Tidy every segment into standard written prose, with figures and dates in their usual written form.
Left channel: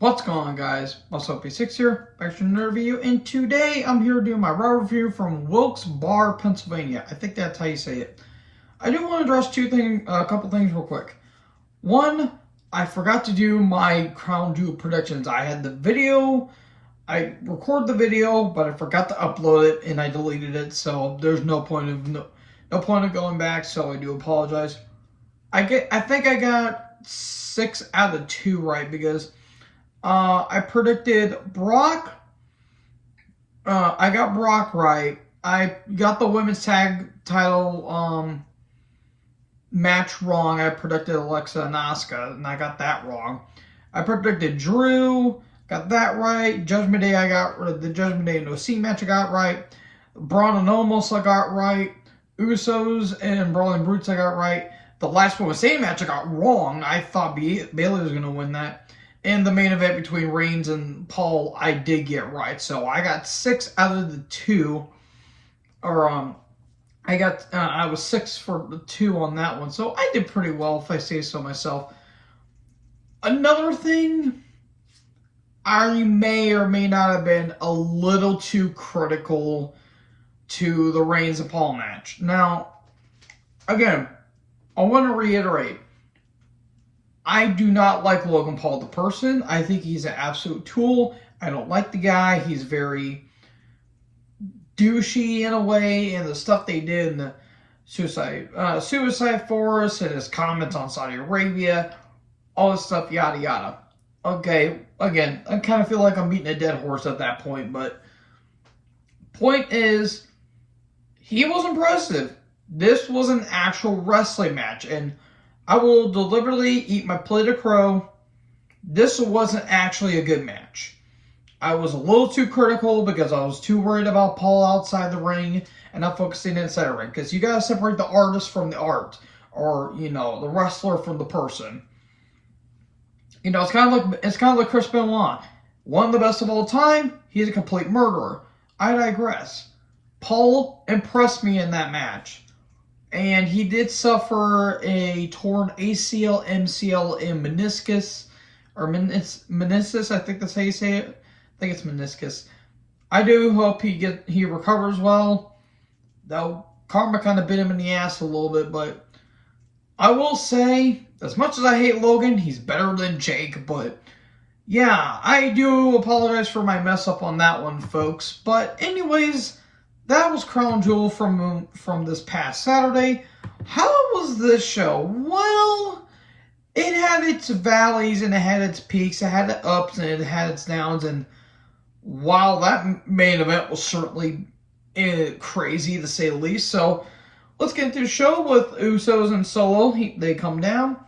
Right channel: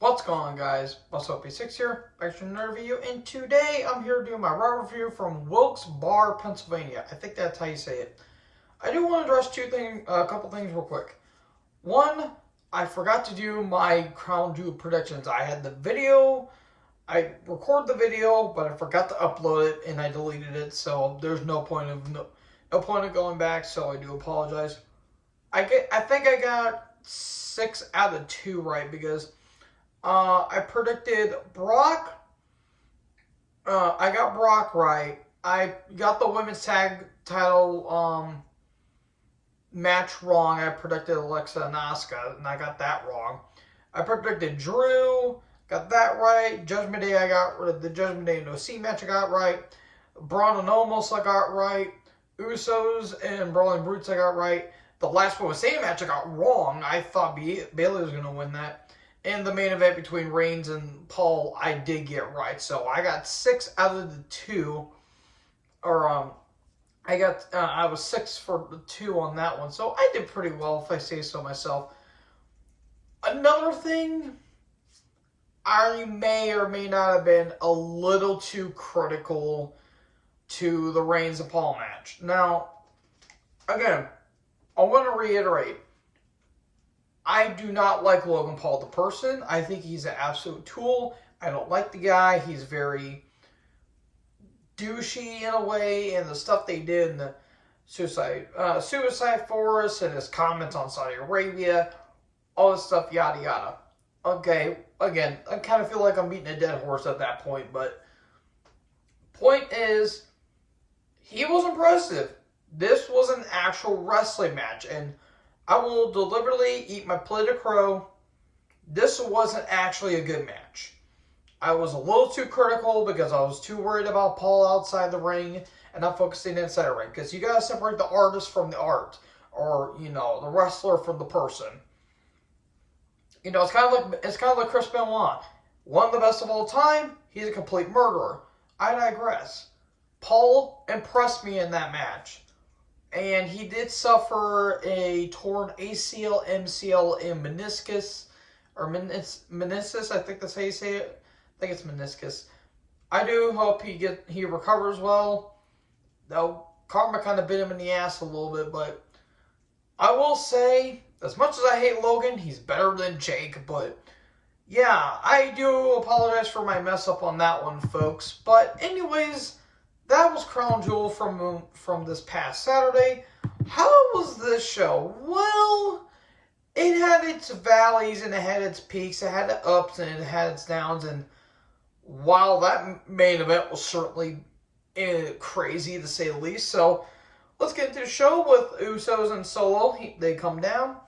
What's going on, guys? What's up, P6 here, back to another video, and today I'm here to do my raw review from Wilkes-Barre, Pennsylvania. I think that's how you say it. I do want to address a couple things real quick. One, I forgot to do my crown jewel predictions. I had the video, I recorded the video, but I forgot to upload it, and I deleted it, so there's no point of going back, so I do apologize. I think I got 6 out of 2 right, because I predicted Brock. I got Brock right. I got the women's tag title match wrong. I predicted Alexa and Asuka, and I got that wrong. I predicted Drew. Got that right. Judgment Day, I got the Judgment Day No C match. I got right. Braun and Omos, I got right. Usos and Brawling Brutes, I got right. The last one was same match, I got wrong. I thought Bayley was gonna win that. And the main event between Reigns and Paul, I did get right. So I got 6 out of the 2. Or, I was 6 for the 2 on that one. So I did pretty well, if I say so myself. Another thing, I may or may not have been a little too critical to the Reigns and Paul match. Now, again, I want to reiterate, I do not like Logan Paul the person. I think he's an absolute tool. I don't like the guy. He's very douchey in a way, and the stuff they did in the Suicide Forest and his comments on Saudi Arabia, all this stuff, yada yada. Okay, again, I kind of feel like I'm beating a dead horse at that point, but point is, he was impressive. This was an actual wrestling match, and I will deliberately eat my plate of crow. This wasn't actually a good match. I was a little too critical because I was too worried about Paul outside the ring and not focusing inside the ring. Because you got to separate the artist from the art. Or, the wrestler from the person. It's kind of like Chris Benoit. One of the best of all time, he's a complete murderer. I digress. Paul impressed me in that match. And he did suffer a torn ACL, MCL, and meniscus. Or meniscus, I think that's how you say it. I think it's meniscus. I do hope he recovers well. Though karma kind of bit him in the ass a little bit. But I will say, as much as I hate Logan, he's better than Jake. But yeah, I do apologize for my mess up on that one, folks. But anyways, that was Crown Jewel from this past Saturday. How was this show? Well, it had its valleys and it had its peaks. It had its ups and it had its downs. And while that main event was certainly crazy to say the least. So let's get into the show with Usos and Solo. They come down,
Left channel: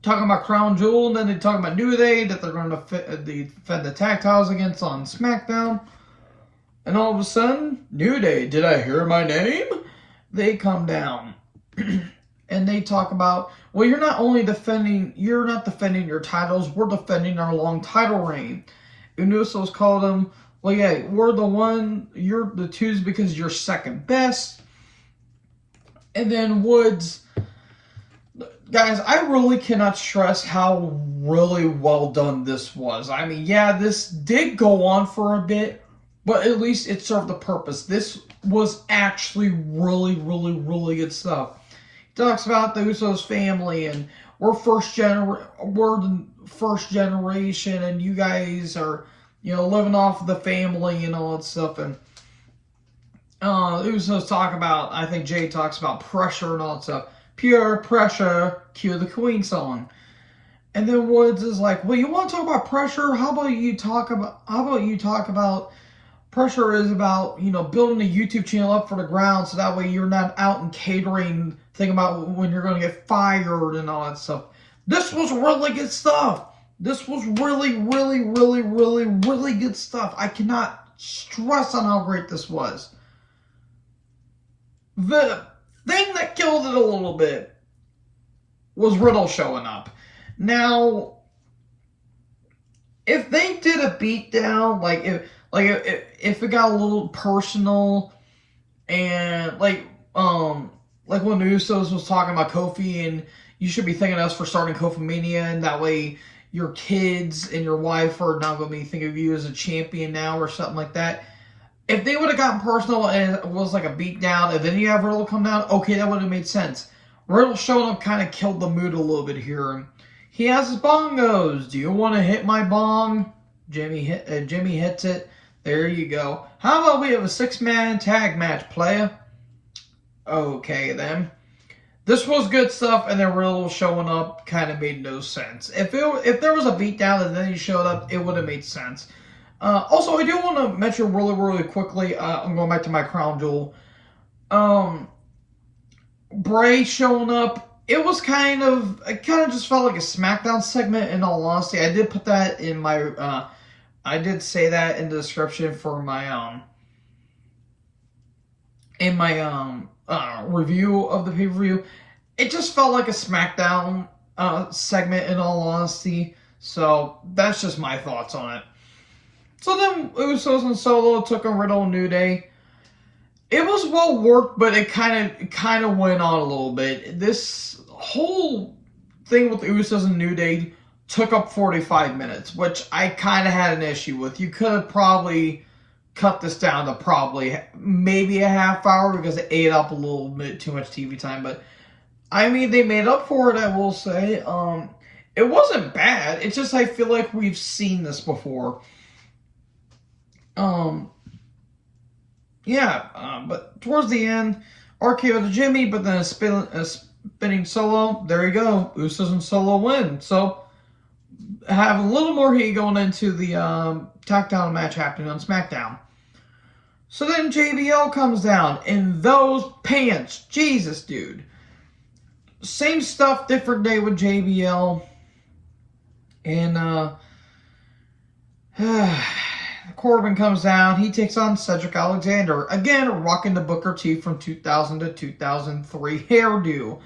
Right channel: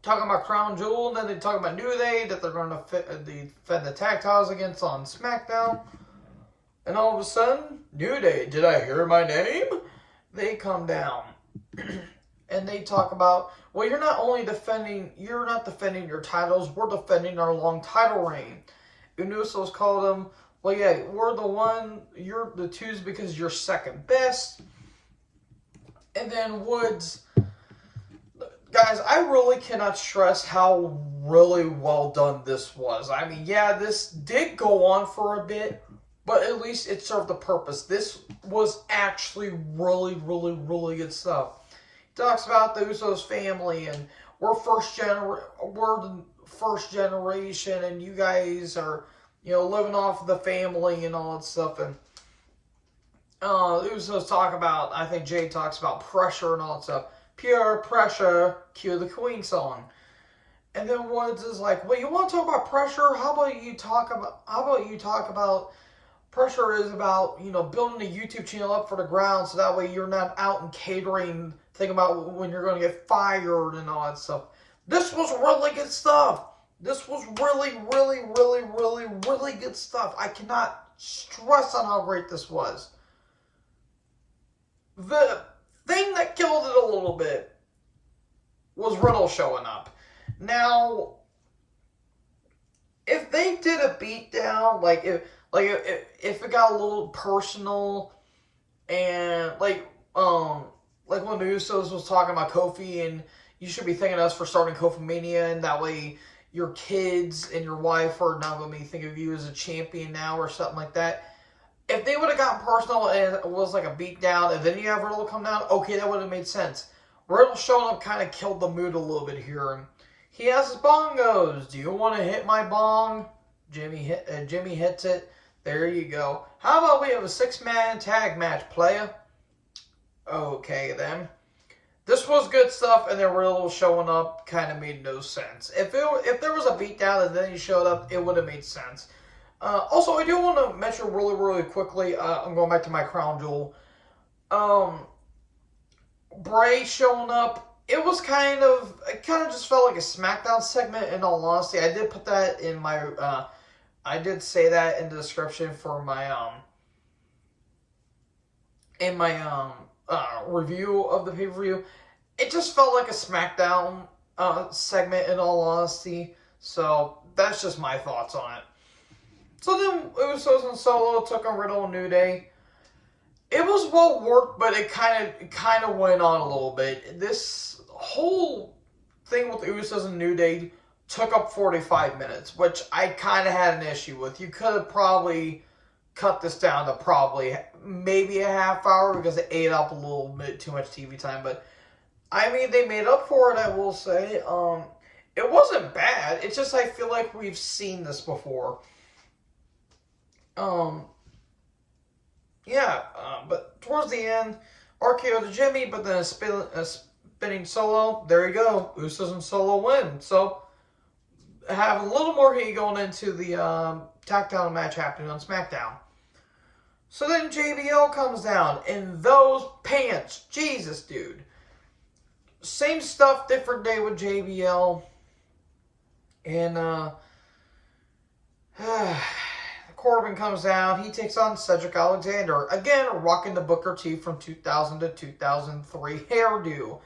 talking about Crown Jewel, and then they talk about New Day, that they're going to defend the tag titles against on SmackDown. And all of a sudden, New Day, did I hear my name? They come down. And they talk about, well, you're not defending your titles, we're defending our long title reign. And Usos called them, well, yeah, you're the twos because you're second best. And then Woods, guys, I really cannot stress how really well done this was. I mean, yeah, this did go on for a bit, but at least it served the purpose. This was actually really, really, really good stuff. He talks about the Usos family, and we're the first generation, and you guys are, living off the family and all that stuff. And the Usos talk about, I think Jay talks about pressure and all that stuff. Pure pressure, cue the Queen song. And then Woods is like, well, you want to talk about pressure? How about you talk about pressure is about, building a YouTube channel up for the ground so that way you're not out and catering, thinking about when you're going to get fired and all that stuff. This was really good stuff. This was really, really, really, really, really good stuff. I cannot stress on how great this was. The thing that killed it a little bit was Riddle showing up. Now, if they did a beatdown, if it got a little personal, and like when the Usos was talking about Kofi, and you should be thanking us for starting Kofi Mania, and that way, your kids and your wife are not going to be thinking of you as a champion now or something like that. If they would have gotten personal and it was like a beatdown, and then you have Riddle come down, okay, that would have made sense. Riddle showing up kind of killed the mood a little bit here. He has his bongos. Do you want to hit my bong? Jimmy hits it. There you go. How about we have a 6-man tag match, playa? Okay, then. This was good stuff, and then Riddle showing up kind of made no sense. If there was a beatdown and then he showed up, it would have made sense. Also, I do want to mention really, really quickly, I'm going back to my crown jewel. Bray showing up, it kind of just felt like a SmackDown segment, in all honesty. I did put that in my, I did say that in the description for my, review of the pay-per-view. It just felt like a SmackDown segment, in all honesty. So that's just my thoughts on it. So then Usos and Solo took on Riddle and New Day. It was well worked, but it kind of went on a little bit. This whole thing with the Usos and New Day took up 45 minutes, which I kind of had an issue with. You could have probably cut this down to maybe a half hour because it ate up a little bit too much TV time. But I mean, they made up for it, I will say. It wasn't bad. It's just I feel like we've seen this before. But towards the end, RKO to Jimmy, but then a spinning Solo. There you go. Usos and Solo win. So have a little more heat going into the takedown match happening on SmackDown. So then JBL comes down in those pants. Jesus, dude. Same stuff, different day with JBL. And Corbin comes down. He takes on Cedric Alexander. Again, rocking the Booker T from 2000 to 2003 hairdo.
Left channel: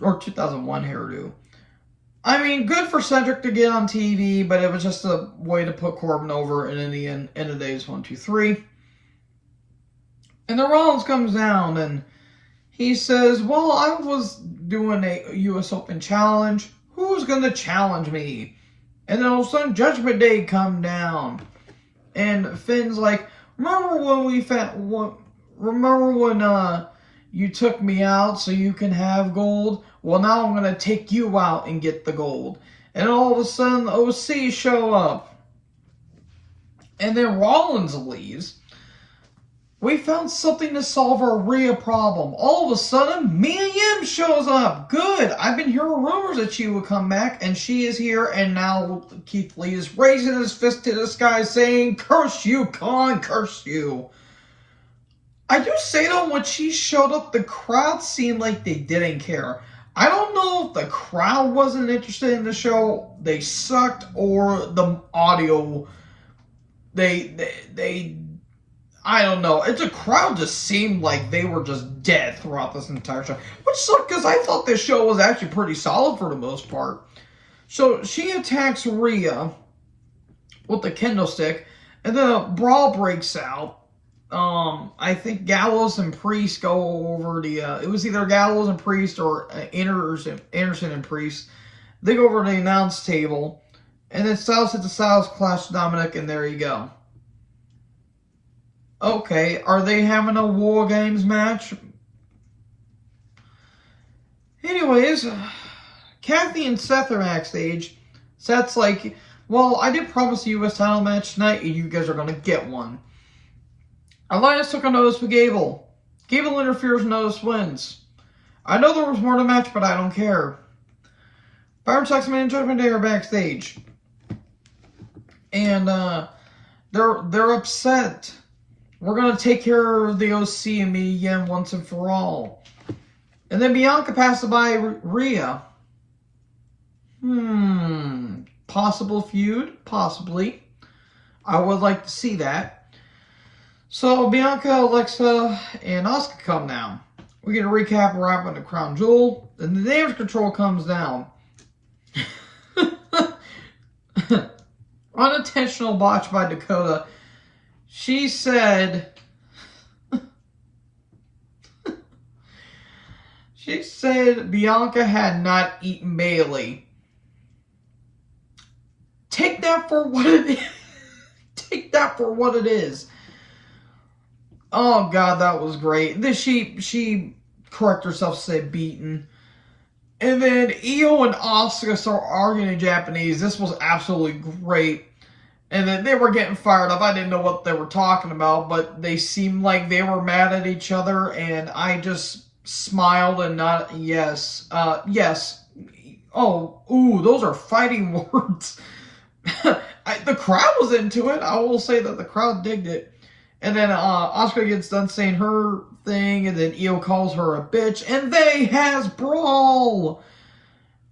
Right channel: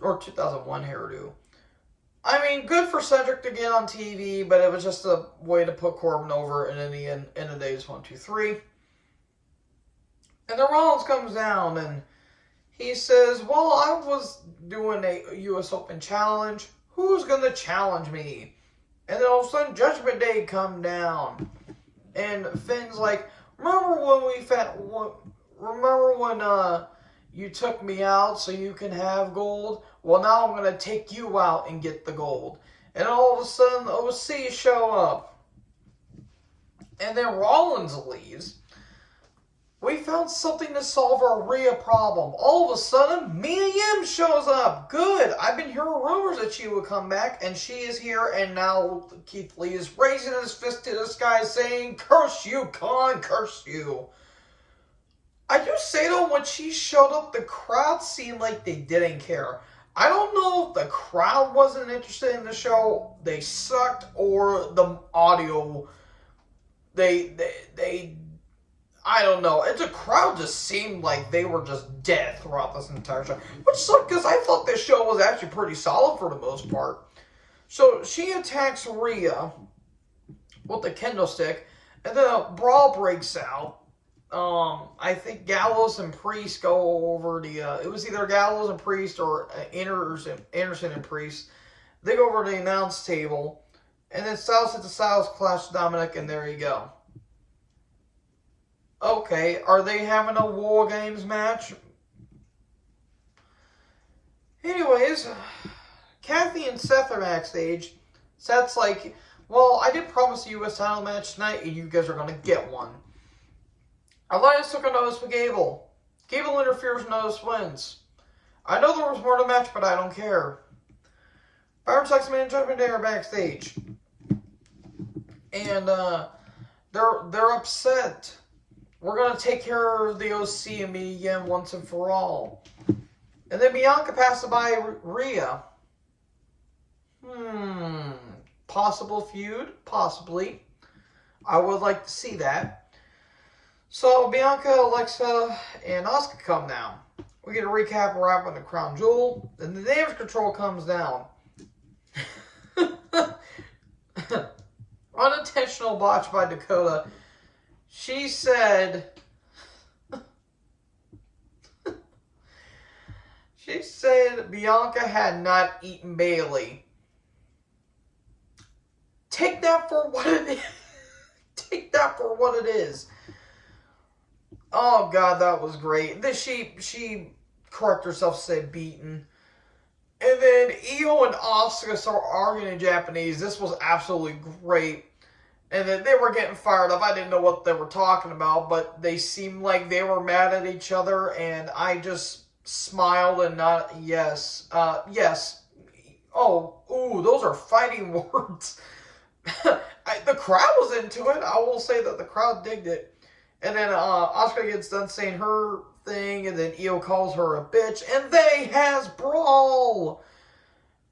Or 2001 hairdo. I mean, good for Cedric to get on TV, but it was just a way to put Corbin over, and in the end of the days, 1, 2, 3. And then Rollins comes down, and he says, well, I was doing a U.S. Open challenge. Who's going to challenge me? And then all of a sudden, Judgment Day come down. And Finn's like, remember when you took me out so you can have gold? Well, now I'm going to take you out and get the gold. And all of a sudden, the OC show up. And then Rollins leaves. We found something to solve our Rhea problem. All of a sudden, Mia Yim shows up. Good. I've been hearing rumors that she would come back, and she is here. And now Keith Lee is raising his fist to the sky saying, curse you, Khan, curse you. I do say, though, when she showed up, the crowd seemed like they didn't care. I don't know if the crowd wasn't interested in the show, they sucked, or the audio, I don't know. The crowd just seemed like they were just dead throughout this entire show. Which sucked because I thought this show was actually pretty solid for the most part. So she attacks Rhea with the kendo stick. And then a brawl breaks out. I think Gallows and Priest go over it was either Gallows and Priest or Anderson and Priest. They go over to the announce table. And then Styles hits the Styles Clash Dominic, and there you go. Okay, are they having a War Games match? Anyways, Kathy and Seth are backstage. Seth's like, well, I did promise a U.S. title match tonight, and you guys are going to get one. Elias took a notice with Gable. Gable interferes and Notice wins. I know there was more to the match, but I don't care. Byron Saxon and Judgment Day are backstage. And they're upset. We're going to take care of the OC and me again once and for all. And then Bianca passes by Rhea. Possible feud? Possibly. I would like to see that. So Bianca, Alexa, and Asuka come down. We get a recap what happened to Crown Jewel. And the Damage Control comes down. Unintentional botch by Dakota. She said, Bianca had not eaten Bailey. that for what it is. Take that for what it is. Oh, God, that was great. Then she corrected herself to say beaten. And then Io and Asuka start arguing in Japanese. This was absolutely great. And then they were getting fired up. I didn't know what they were talking about, but they seemed like they were mad at each other. And I just smiled and nodded, yes. Yes. Oh, ooh, those are fighting words. The crowd was into it. I will say that the crowd digged it. And then Asuka gets done saying her thing, and then Io calls her a bitch, and they has brawl.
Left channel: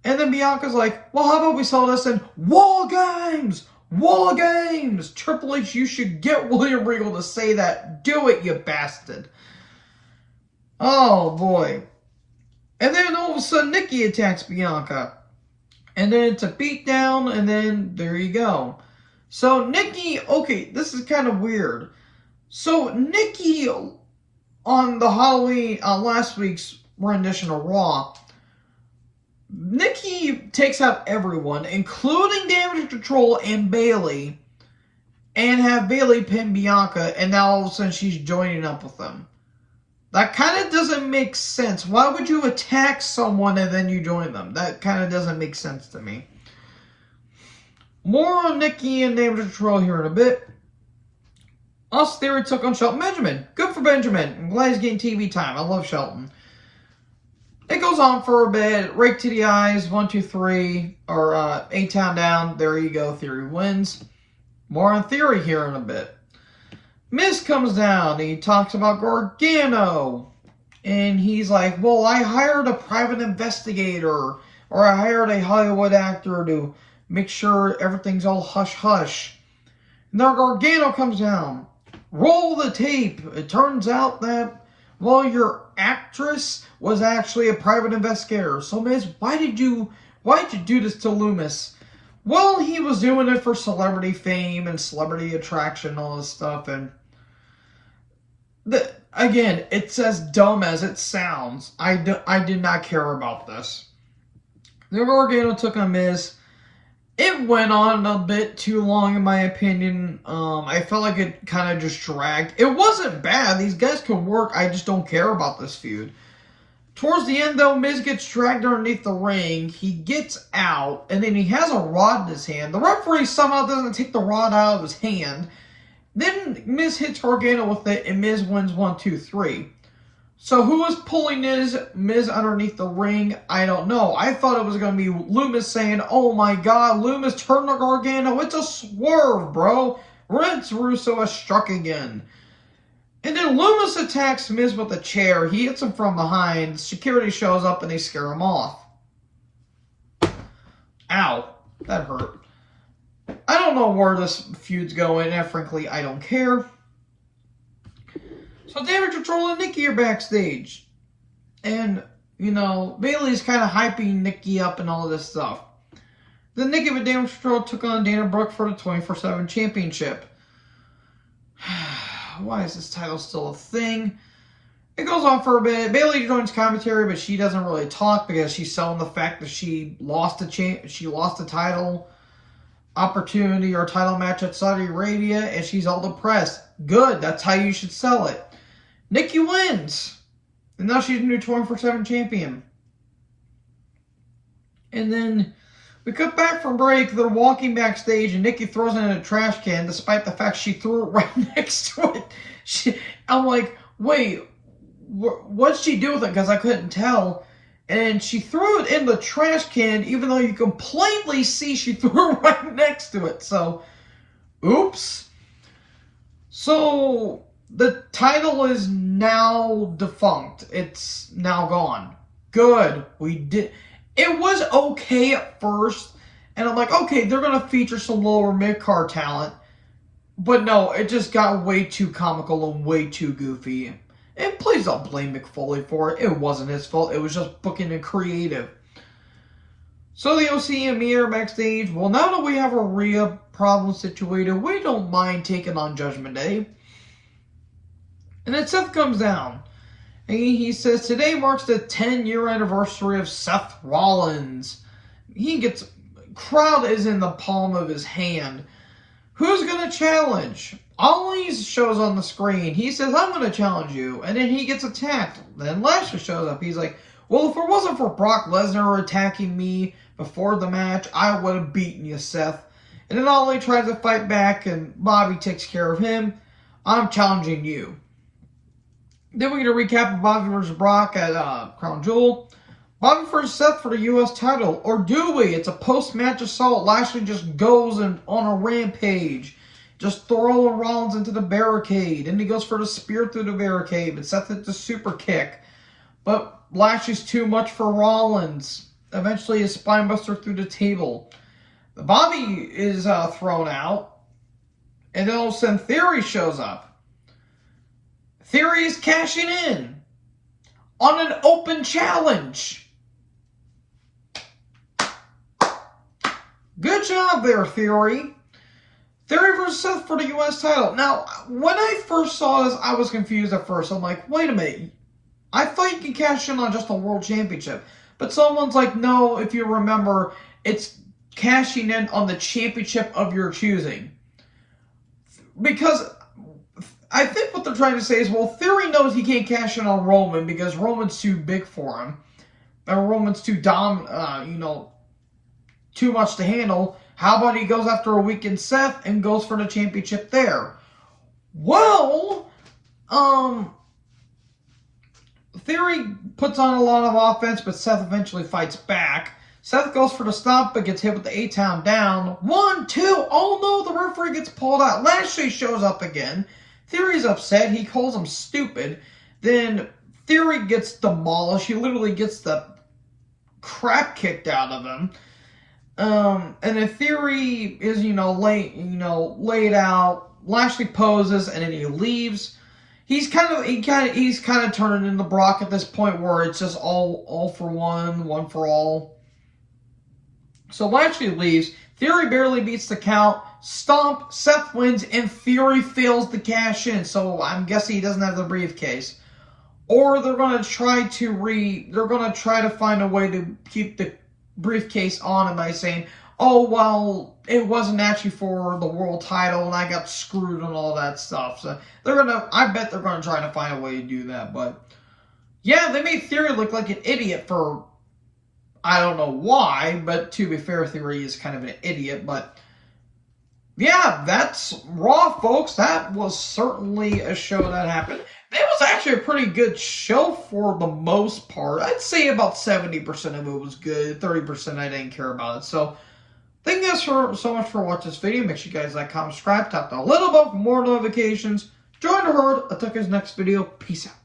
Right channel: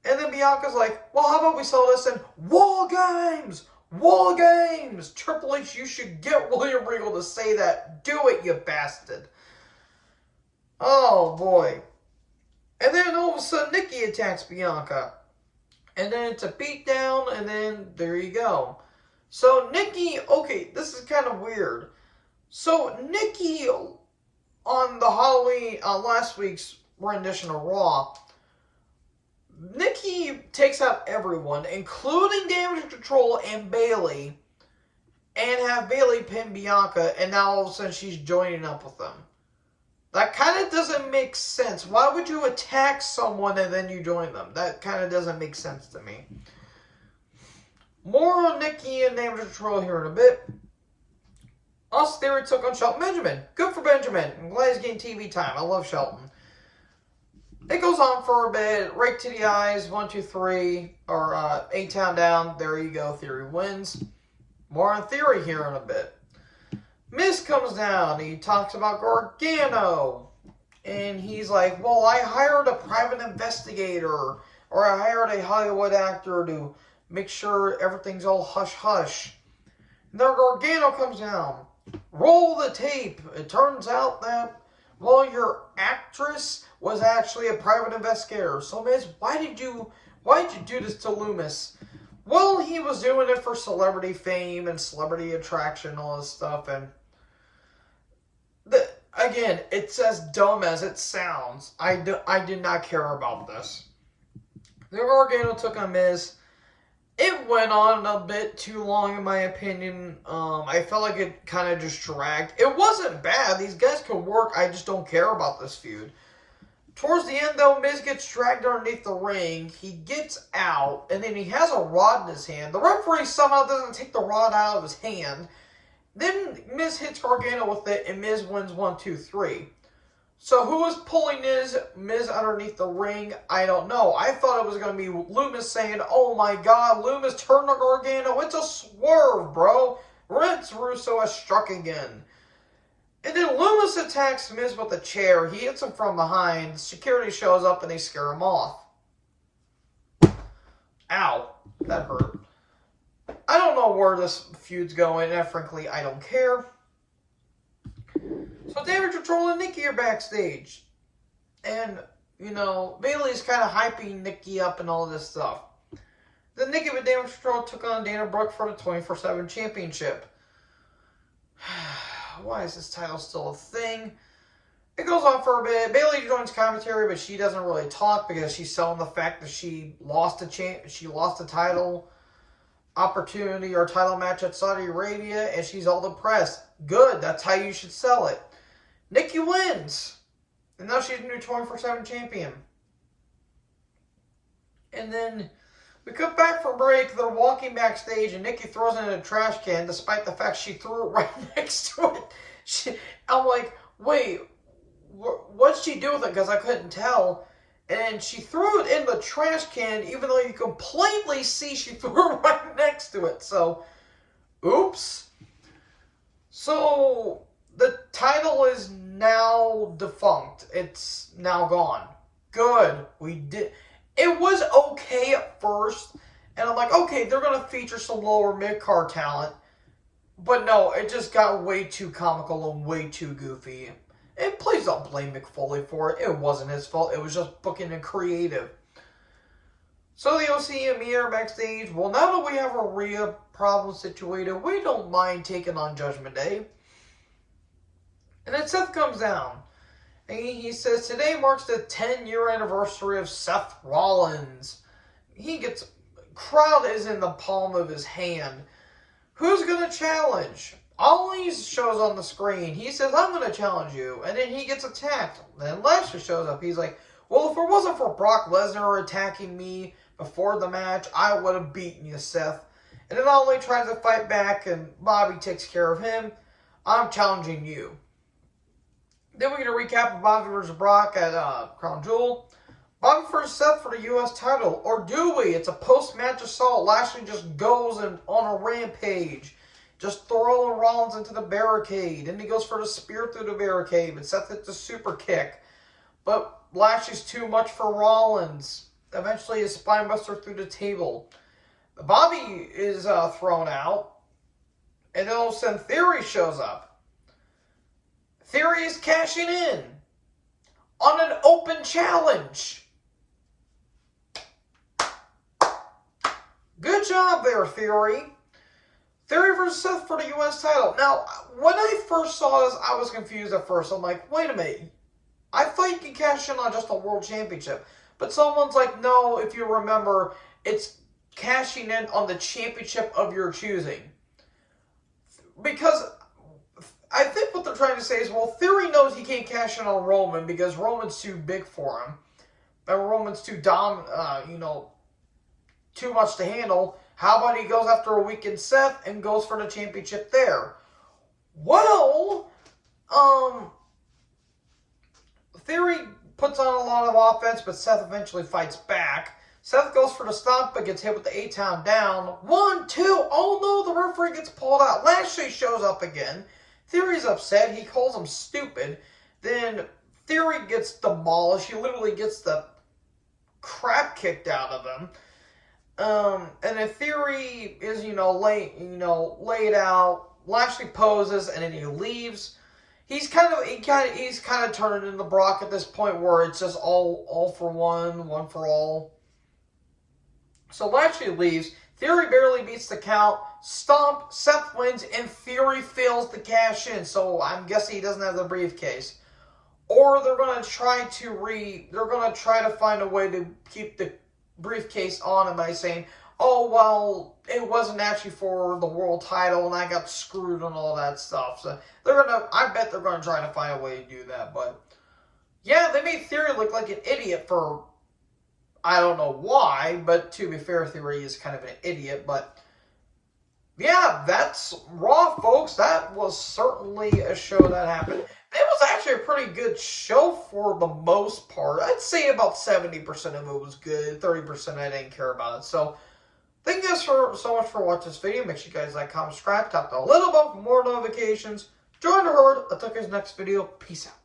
And then Bianca's like, well, how about we sell this in War Games? War Games! Triple H, you should get William Regal to say that. Do it, you bastard. Oh, boy. And then all of a sudden, Nikki attacks Bianca. And then it's a beatdown, and then there you go. So Nikki, okay, this is kind of weird. So Nikki, on the Halloween, last week's rendition of Raw, Nikki takes out everyone, including Damage Control and Bayley, and have Bayley pin Bianca, and now all of a sudden she's joining up with them. That kind of doesn't make sense. Why would you attack someone and then you join them? That kind of doesn't make sense to me. More on Nikki and Damage Control here in a bit. Us Theory took on Shelton Benjamin. Good for Benjamin. I'm glad he's getting TV time. I love Shelton. It goes on for a bit. Rake to the eyes. 1, 2, 3. Or A-Town down. There you go. Theory wins. More on Theory here in a bit. Miz comes down. He talks about Gargano. And he's like, well, I hired a private investigator. Or I hired a Hollywood actor to make sure everything's all hush-hush. And then Gargano comes down. Roll the tape. It turns out that, well, your actress was actually a private investigator. So, Miz, why did you do this to Loomis? Well, he was doing it for celebrity fame and celebrity attraction and all this stuff. And again, it's as dumb as it sounds. I did not care about this. Then Gargano took on Miz. It went on a bit too long, in my opinion. I felt like it kind of just dragged. It wasn't bad. These guys can work. I just don't care about this feud. Towards the end, though, Miz gets dragged underneath the ring. He gets out, and then he has a rod in his hand. The referee somehow doesn't take the rod out of his hand. Then Miz hits Gargano with it, and Miz wins 1, 2, 3. So who is pulling Miz underneath the ring? I don't know. I thought it was going to be Loomis saying, oh my God, Loomis turned to Gargano. It's a swerve, bro. Vince Russo has struck again. And then Loomis attacks Miz with a chair. He hits him from behind. Security shows up and they scare him off. Ow. That hurt. I don't know where this feud's going, and frankly, I don't care. So Damage Control and Nikki are backstage. And, you know, Bayley's kind of hyping Nikki up and all this stuff. Then Nikki with Damage Control took on Dana Brooke for the 24/7 championship. Why is this title still a thing? It goes on for a bit. Bayley joins commentary, but she doesn't really talk because she's selling the fact that she lost a title opportunity or title match at Saudi Arabia, and she's all depressed. Good, that's how you should sell it. Nikki wins, and now she's a new 24/7 champion. And then we cut back from break. They're walking backstage, and Nikki throws it in a trash can, despite the fact she threw it right next to it. I'm like, wait, what'd she do with it? Because I couldn't tell. And she threw it in the trash can, even though you can plainly see she threw it right next to it. So, oops. So, the title is now defunct. It's now gone. Good. We did. It was okay at first. And I'm like, okay, they're going to feature some lower mid-card talent. But no, it just got way too comical and way too goofy. And please don't blame Mick Foley for it. It wasn't his fault. It was just booking and creative. So the OC and me are backstage. Well, now that we have a Rhea problem situated, we don't mind taking on Judgment Day. And then Seth comes down. And he says, today marks the 10-year anniversary of Seth Rollins. He gets crowd is in the palm of his hand. Who's going to challenge? Ollie shows on the screen. He says, I'm going to challenge you. And then he gets attacked. Then Lashley shows up. He's like, well, if it wasn't for Brock Lesnar attacking me before the match, I would have beaten you, Seth. And then Ollie tries to fight back, and Bobby takes care of him. I'm challenging you. Then we get a recap of Bobby versus Brock at Crown Jewel. Bobby versus Seth for the U.S. title. Or do we? It's a post-match assault. Lashley just goes on a rampage. Just throwing Rollins into the barricade. And he goes for the spear through the barricade. But Seth hits the super kick. But Lashley's too much for Rollins. Eventually a spinebuster through the table. Bobby is thrown out. And then all of a sudden Theory shows up. Theory is cashing in on an open challenge. Good job there, Theory. Theory versus Seth for the U.S. title. Now, when I first saw this, I was confused at first. I'm like, wait a minute. I thought you could cash in on just a world championship. But someone's like, no, if you remember, it's cashing in on the championship of your choosing. Because I think what they're trying to say is, well, Theory knows he can't cash in on Roman because Roman's too big for him. And Roman's too too much to handle. How about he goes after a weakened Seth and goes for the championship there? Well, Theory puts on a lot of offense, but Seth eventually fights back. Seth goes for the stomp, but gets hit with the A-Town down. 1, 2, oh no, the referee gets pulled out. Lashley shows up again. Theory's upset. He calls him stupid. Then Theory gets demolished. He literally gets the crap kicked out of him. And then Theory is, laid out. Lashley poses, and then he leaves. He's kind of turning into Brock at this point, where it's just all for one for all. So Lashley leaves. Theory barely beats the count. Stomp. Seth wins, and Theory fails to cash in. So I'm guessing he doesn't have the briefcase, or they're gonna try to find a way to keep the briefcase on him by saying, oh, well, it wasn't actually for the world title and I got screwed and all that stuff. So I bet they're gonna try to find a way to do that. But yeah, they made Theory look like an idiot for, I don't know why, but to be fair, Theory is kind of an idiot. But yeah, that's Raw, folks. That was certainly a show that happened. It was actually a pretty good show for the most part. I'd say about 70% of it was good. 30% I didn't care about it. So thank you guys so much for watching this video. Make sure you guys like, comment, subscribe, tap the little bell for more notifications. Join the herd. I'll talk to you guys next video. Peace out.